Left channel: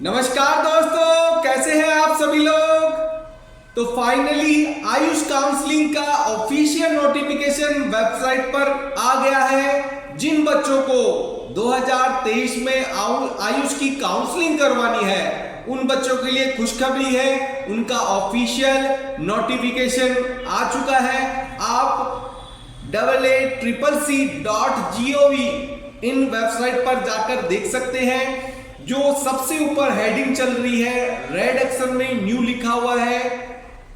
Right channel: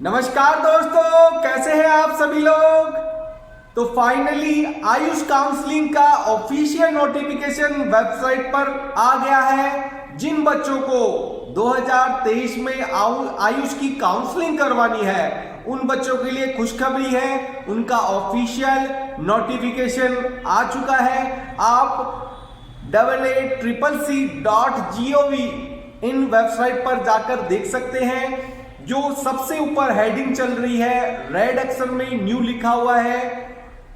नमस्कार दोस्तों, कैसे हैं आप सभी लोग। तो फाइनली आयुष काउंसलिंग का ऑफिशियल नोटिफिकेशन वेबसाइट पर आ गया है। जिन बच्चों को 2023 में आयुष की काउंसलिंग करवानी है उन बच्चों के लिए खुशखबरी है, उनका ऑफिशियल नोटिफिकेशन आ चुका है। आप AA.CCC.gov इन वेबसाइट पर जाकर देख सकते हैं। जो सबसे ऊपर हेडिंग चल रही है, रेड अक्षर में न्यू लिखा हुआ है,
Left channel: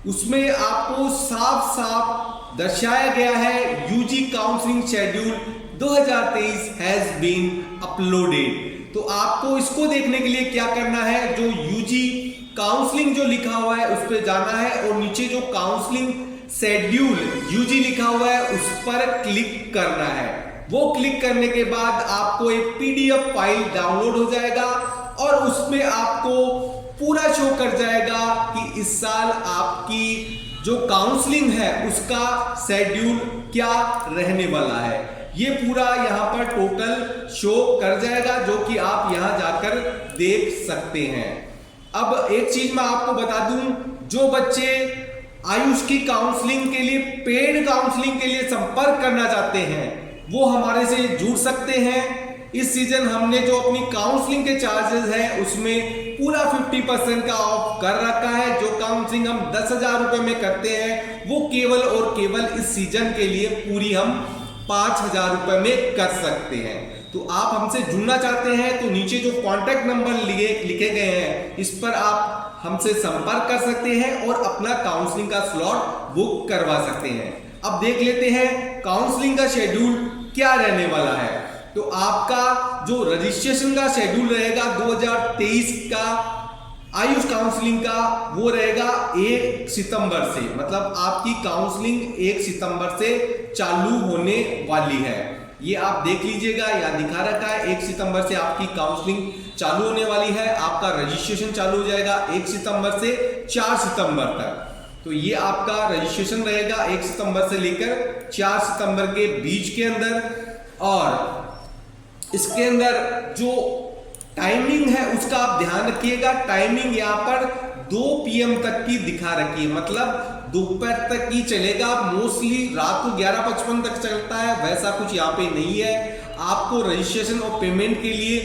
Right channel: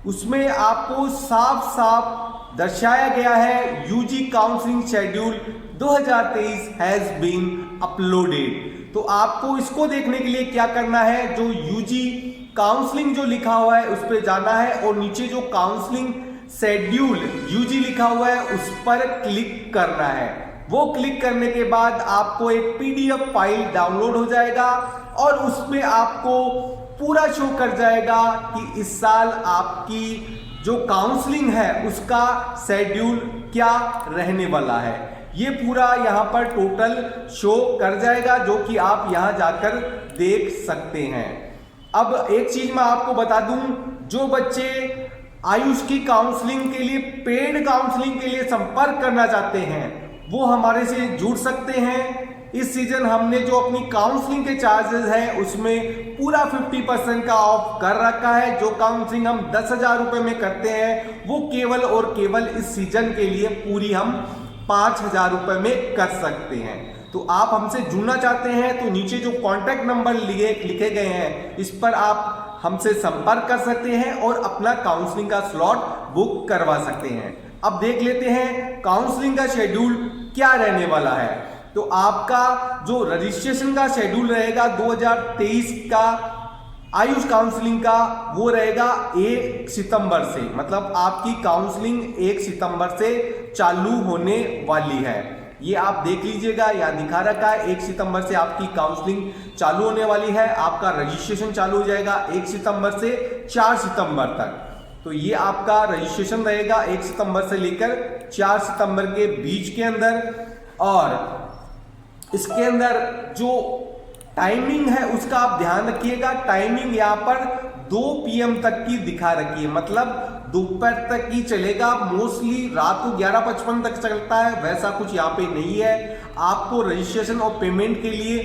उसमें आपको साफ साफ दर्शाया गया है UG counselling schedule 2023 has been uploaded. तो आपको इसको देखने के लिए क्या करना है, जो यूजी काउंसलिंग जो लिखा हुआ है उस पर जाना है और नीचे जो काउंसलिंग शेड्यूल यूजी लिखा हुआ है उस पर क्लिक करना है। वो क्लिक करने के बाद आपको एक पीडीएफ फाइल डाउनलोड हो जाएगा और उसमें आपको पूरा शो कर जाएगा कि इस साल आपकी जो काउंसलिंग है उसका शेड्यूल क्या रहने वाला है। ये पूरा यहाँ पर टोटल शो कर जाएगा, जो कि आप यहाँ जाकर देख सकते हैं। अब एक चीज मैं आपको बता दूं, जो बच्चे आयुष की काउंसलिंग के लिए, पेड काउंसलिंग के लिए संपर्क करना चाहते हैं वो हमारे से जुड़ सकते हैं। इस सीजन हमने जो अपनी काउंसलिंग के चार्जेस हैं उसमें पूरा 50% का ऑफ कर रखा है। जो काउंसलिंग हम 10,000 रुपए में करते हैं वो केवल और केवल इस सीजन के लिए पूरी हम 5,000 रुपए में कर सकते हैं। तो आप हमसे जुड़ना चाहते हैं तो नीचे जो कॉन्टैक्ट नंबर लिखे गए हैं इस पर आप हमसे संपर्क कर सकते हैं और अपना काउंसलिंग का स्लॉट बुक करवा सकते हैं। अब देख लेते हैं काउंसलिंग का शेड्यूल क्या रहने वाला है। तो आपका जो रजिस्ट्रेशन का शेड्यूल रहेगा 2023 का आयुष काउंसलिंग का, वो रहेगा 1 सितंबर से, मतलब आपकी काउंसलिंग 1 सितंबर से चालू होने वाली है। ये आप देख लीजिएगा, यहाँ दिखा रखा है 1 सितंबर से आपकी काउंसलिंग चालू होने वाली है। आपका रजिस्ट्रेशन चालू हो जाएगा 1 सितंबर से 4 सितंबर तक। तो ये आपका रजिस्ट्रेशन रहेगा 1 सितंबर से लेकर 4 सितंबर के बीच के अंदर। और इसके अंदर जो टाइमिंग है उसका आप ध्यान रखिएगा। टाइमिंग यहाँ पर 2 PM तक की दिखा रखी है, मतलब दोपहर तक ही चलेगा। मोस्टली रात को 11:55 तक चलता है, वैसा कुछ यहाँ पे नहीं है। आपको रजिस्ट्रेशन और पेमेंट के लिए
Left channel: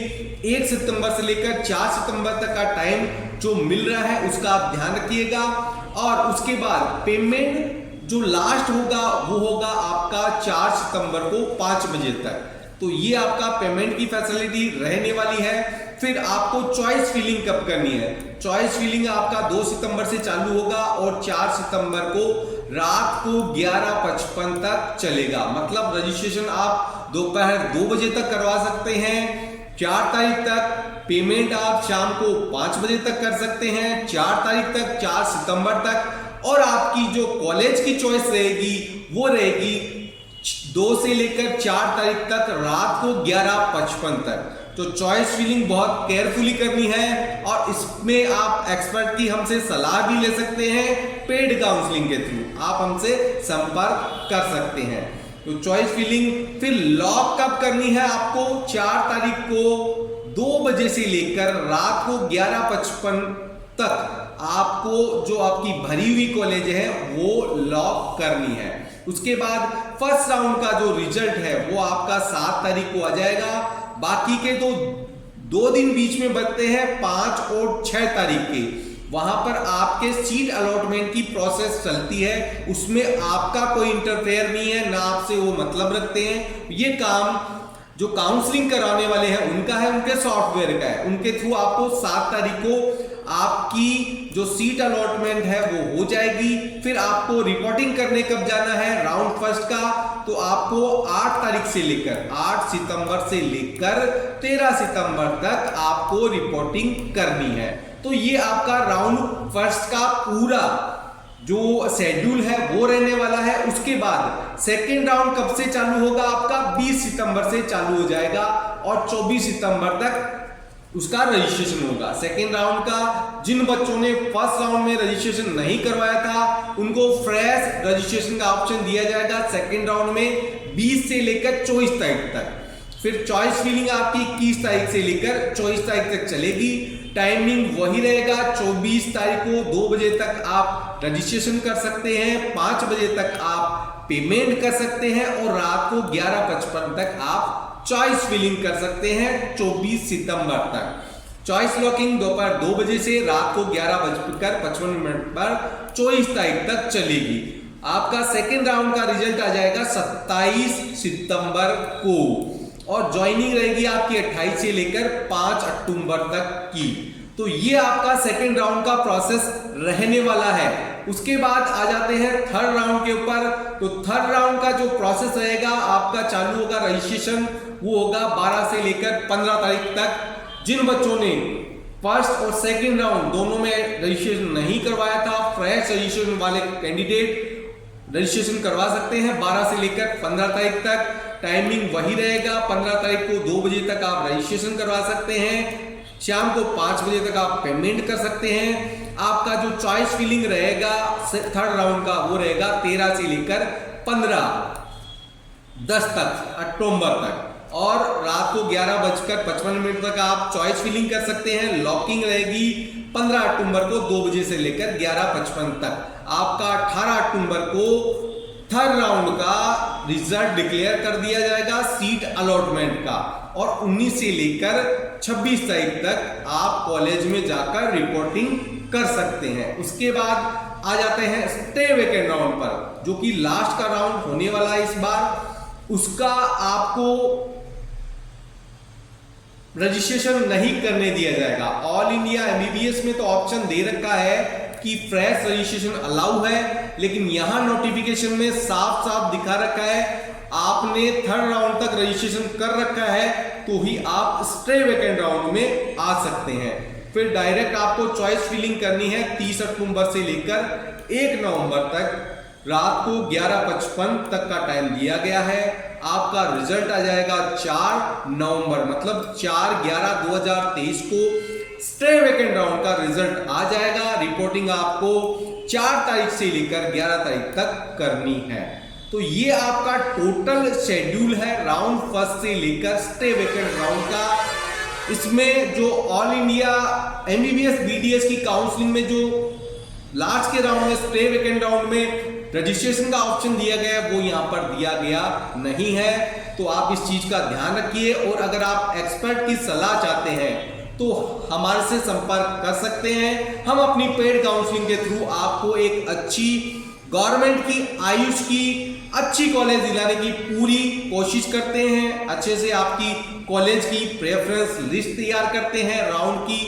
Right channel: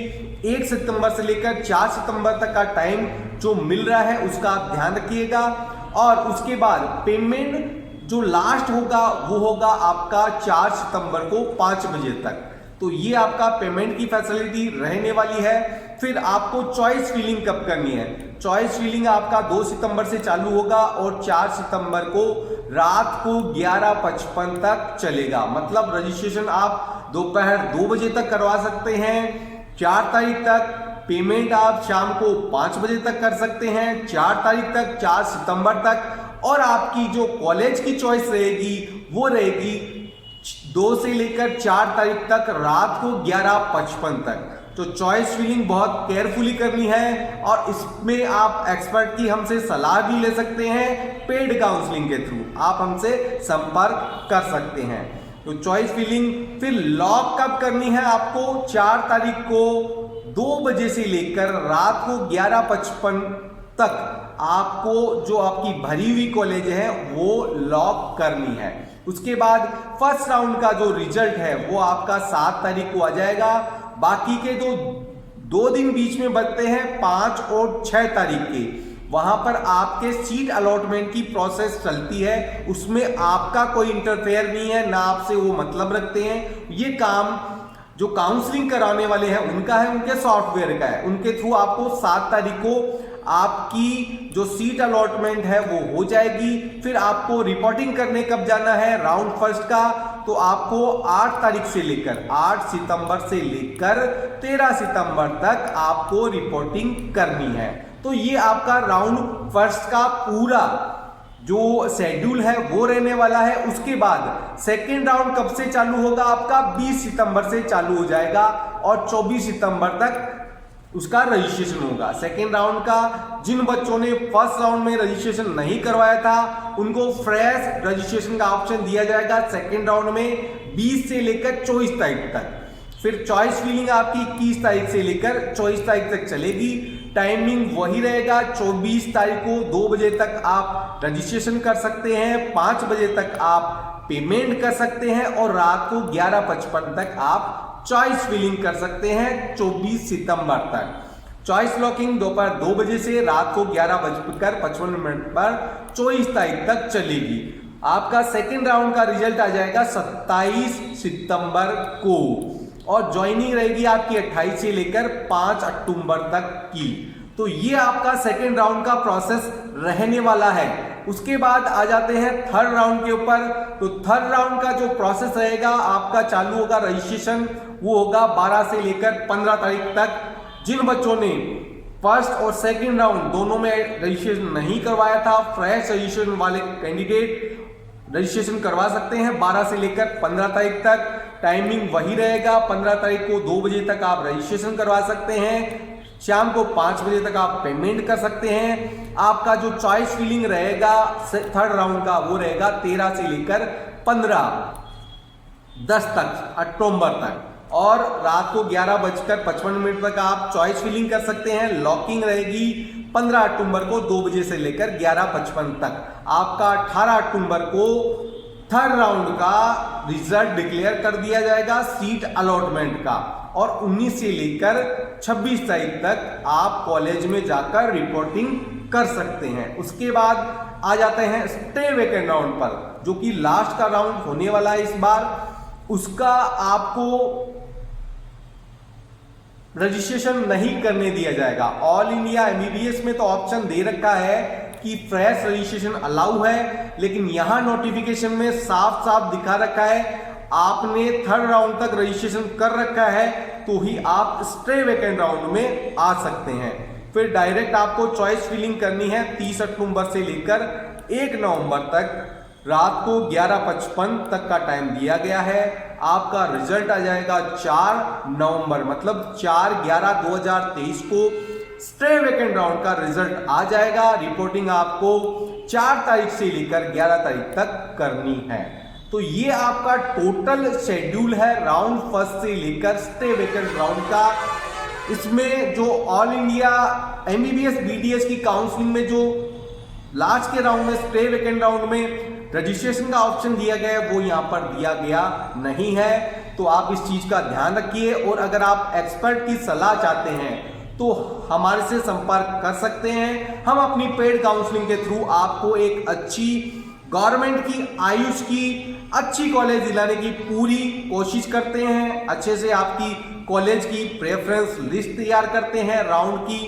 1 सितंबर से लेकर 4 सितंबर तक का टाइम जो मिल रहा है उसका आप ध्यान रखिएगा। और उसके बाद पेमेंट जो लास्ट होगा वो होगा आपका 4 सितंबर को 5 बजे तक। तो ये आपका पेमेंट की फैसिलिटी रहने वाली है। फिर आपको चॉइस फिलिंग कब करनी है, चॉइस फिलिंग आपका 2 सितंबर से चालू होगा और 4 सितंबर को रात को 11:55 तक चलेगा। मतलब रजिस्ट्रेशन आप दोपहर 2 बजे तक करवा सकते हैं 4 तारीख तक। पेमेंट आप शाम को 5 बजे तक कर सकते हैं 4 तारीख तक, 4 सितंबर तक। और आपकी जो कॉलेज की चॉइस रहेगी वो रहेगी 2 से लेकर 4 तारीख तक रात को 11:55 तक। तो चॉइस फिलिंग बहुत केयरफुली करनी है और इसमें आप एक्सपर्ट की हमसे सलाह भी ले सकते हैं। पेड काउंसलिंग के थ्रू आप हमसे संपर्क कर सकते हैं। तो चॉइस फिलिंग फिर लॉक कब करनी है, आपको 4 तारीख को 2 बजे से लेकर रात को 11:55 तक आपको जो आपकी भरी हुई कॉलेज है वो लॉक करनी है। उसके बाद फर्स्ट राउंड का जो रिजल्ट है वो आपका 7 तारीख को आ जाएगा। बाकी के तो 2 दिन बीच में बचते हैं, 5 और 6 तारीख के। वहां पर आपके सीट अलॉटमेंट की प्रोसेस चलती है, उसमें आपका कोई इंटरफेयर नहीं है, ना आपसे वो मतलब रखते हैं। ये काम जो काउंसलिंग कराने वाले हैं उनका है, उनके सॉफ्टवेयर का है। उनके थ्रू आपको 7 तारीख को आपकी जो सीट अलॉटमेंट है वो हो जाएगी। फिर आपको रिपोर्टिंग करने कब जाना है राउंड फर्स्ट का, तो आपको 8 तारीख से लेकर 8 सितंबर से लेकर 13 सितंबर तक आपको रिपोर्टिंग करनी है। तो ये आपका राउंड फर्स्ट का पूरा जो शेड्यूल है वो रहने वाला है। उसके बाद सेकेंड राउंड कब से चालू होगा, आपका 20 सितंबर से चालू हो जाएगा और 24 सितंबर तक उसका रजिस्ट्रेशन होगा। सेकेंड राउंड का जिन बच्चों ने फर्स्ट राउंड में रजिस्ट्रेशन नहीं करवाया था उनको फ्रेश रजिस्ट्रेशन का ऑप्शन दिया जाएगा सेकेंड राउंड में 20 से लेकर 24 तारीख तक। फिर चॉइस फिलिंग आपकी 21 तारीख से लेकर 24 तारीख तक चलेगी। टाइमिंग वही रहेगा। 24 तारीख को 2 बजे तक आप रजिस्ट्रेशन कर सकते हैं, 5 बजे तक आप पेमेंट कर सकते हैं और रात को 11:55 तक आप चॉइस फिलिंग कर सकते हैं। 24 सितंबर तक चॉइस लॉकिंग दोपहर 2 बजे से रात को 11:55 पर 24 तारीख तक चलेगी। आपका सेकेंड राउंड का रिजल्ट आ जाएगा 27 सितंबर को और ज्वाइनिंग रहेगी आपकी 28 से लेकर 5 अक्टूबर तक की। तो ये आपका सेकेंड राउंड का प्रोसेस रहने वाला है। उसके बाद आ जाते हैं थर्ड राउंड के ऊपर। तो थर्ड राउंड का जो प्रोसेस रहेगा आपका चालू होगा रजिस्ट्रेशन, वो होगा 12 से लेकर 15 तारीख तक। जिन बच्चों ने फर्स्ट और सेकेंड राउंड दोनों में रजिस्ट्रेशन नहीं करवाया था, फ्रेश रजिस्ट्रेशन वाले कैंडिडेट रजिस्ट्रेशन करवा सकते हैं 12 से लेकर 15 तारीख तक। टाइमिंग वही रहेगा, 15 तारीख को 2 बजे तक आप रजिस्ट्रेशन करवा सकते हैं, शाम को 5 बजे तक आप पेमेंट कर सकते हैं। आपका जो चॉइस फिलिंग रहेगा थर्ड राउंड का वो रहेगा 13 से लेकर 15/10 तक अक्टूबर तक और रात को 11:55 तक आप चॉइस फिलिंग कर सकते हैं। लॉकिंग रहेगी 15 अक्टूबर को 2 बजे से लेकर 11:55 तक। आपका 18 अक्टूबर को थर्ड राउंड का रिजल्ट डिक्लेयर कर दिया जाएगा सीट अलॉटमेंट का और 19 से लेकर 26 तारीख तक आप कॉलेज में जाकर रिपोर्टिंग कर सकते हैं। उसके बाद आ जाते हैं स्टे वेकेंट राउंड पर, जो कि लास्ट का राउंड होने वाला है इस बार। उसका आपको रजिस्ट्रेशन नहीं करने दिया जाएगा। ऑल इंडिया एमबीबीएस में तो ऑप्शन दे रखा है कि फ्रेश रजिस्ट्रेशन अलाउ है, लेकिन यहां नोटिफिकेशन में साफ साफ दिखा रखा है आपने थर्ड राउंड तक रजिस्ट्रेशन कर रखा है तो ही आप स्टे वेकेंट राउंड में आ सकते हैं। फिर डायरेक्ट आपको चॉइस फिलिंग करनी है 30 अक्टूबर से लेकर 1 नवंबर तक रात को 11:55 तक का टाइम दिया गया है। आपका रिजल्ट आ जाएगा 4 नवंबर, मतलब 4/11/2023 को स्टे वेकेंट राउंड का रिजल्ट आ जाएगा। रिपोर्टिंग आपको 4 तारीख से लेकर 11 तारीख तक करनी है। तो ये आपका टोटल शेड्यूल है राउंड फर्स्ट से लेकर स्टे वेकेंट राउंड का। इसमें जो ऑल इंडिया एमबीबीएस बीडीएस की काउंसलिंग में जो लास्ट के राउंड में स्टे वेकेंट राउंड में रजिस्ट्रेशन का ऑप्शन दिया गया है वो यहाँ पर दिया गया नहीं है। तो आप इस चीज का ध्यान रखिए और अगर आप एक्सपर्ट की सलाह चाहते हैं तो हमारे से संपर्क कर सकते हैं। हम अपनी पेड काउंसलिंग के थ्रू आपको एक अच्छी गवर्नमेंट की आयुष की अच्छी कॉलेज दिलाने की पूरी कोशिश करते हैं। अच्छे से आपकी कॉलेज की प्रेफरेंस लिस्ट तैयार करते हैं राउंड की।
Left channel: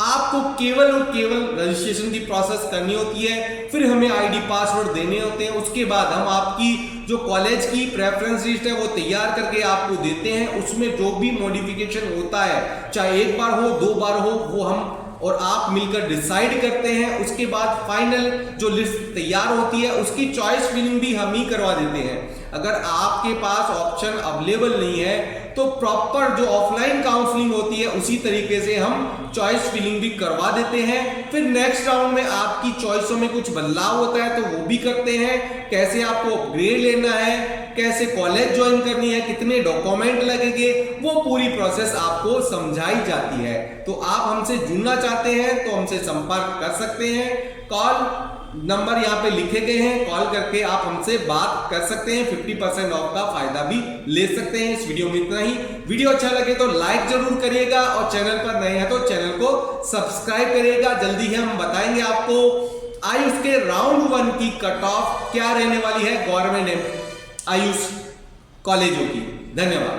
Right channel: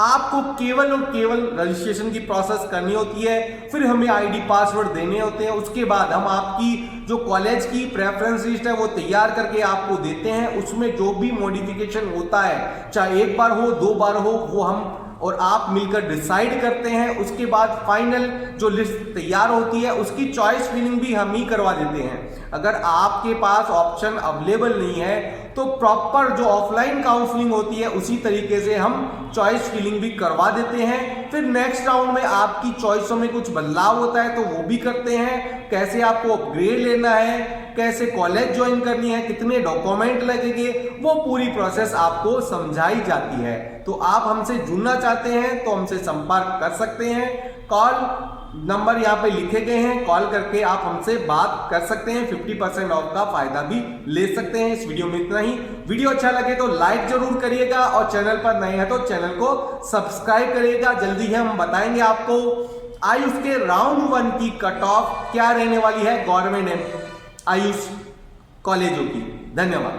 आपको केवल और केवल रजिस्ट्रेशन की प्रोसेस करनी होती है, फिर हमें आईडी पासवर्ड देने होते हैं। उसके बाद हम आपकी जो कॉलेज की प्रेफरेंस लिस्ट है वो तैयार करके आपको देते हैं। उसमें जो भी मॉडिफिकेशन होता है, चाहे 1 बार हो 2 बार हो, वो हम और आप मिलकर डिसाइड करते हैं। उसके बाद फाइनल जो लिस्ट तैयार होती है उसकी चॉइस फिलिंग भी हम ही करवा देते हैं। अगर आपके पास ऑप्शन अवेलेबल नहीं है तो प्रॉपर जो ऑफलाइन काउंसलिंग होती है उसी तरीके से हम चॉइस फिलिंग भी करवा देते हैं। फिर नेक्स्ट राउंड में आपकी चॉइसों में कुछ बदलाव होता है तो वो भी करते हैं। कैसे आपको ग्रेड लेना है, कैसे कॉलेज ज्वाइन करनी है, कितने डॉक्यूमेंट लगेंगे, वो पूरी प्रोसेस आपको समझाई जाती है। तो आप हमसे जुड़ना चाहते हैं तो हमसे संपर्क कर सकते हैं। कॉल नंबर यहाँ पे लिखे गए हैं, कॉल करके आप हमसे बात कर सकते हैं। 50% ऑफ का फायदा भी ले सकते हैं। इस वीडियो में इतना ही। वीडियो अच्छा लगे तो लाइक जरूर करिएगा और चैनल पर नए हैं तो चैनल को सब्सक्राइब करिएगा। जल्दी ही हम बताएंगे आपको आयुष के राउंड 1 की कट ऑफ क्या रहने वाली है गवर्नमेंट आयुष कॉलेजों की। धन्यवाद।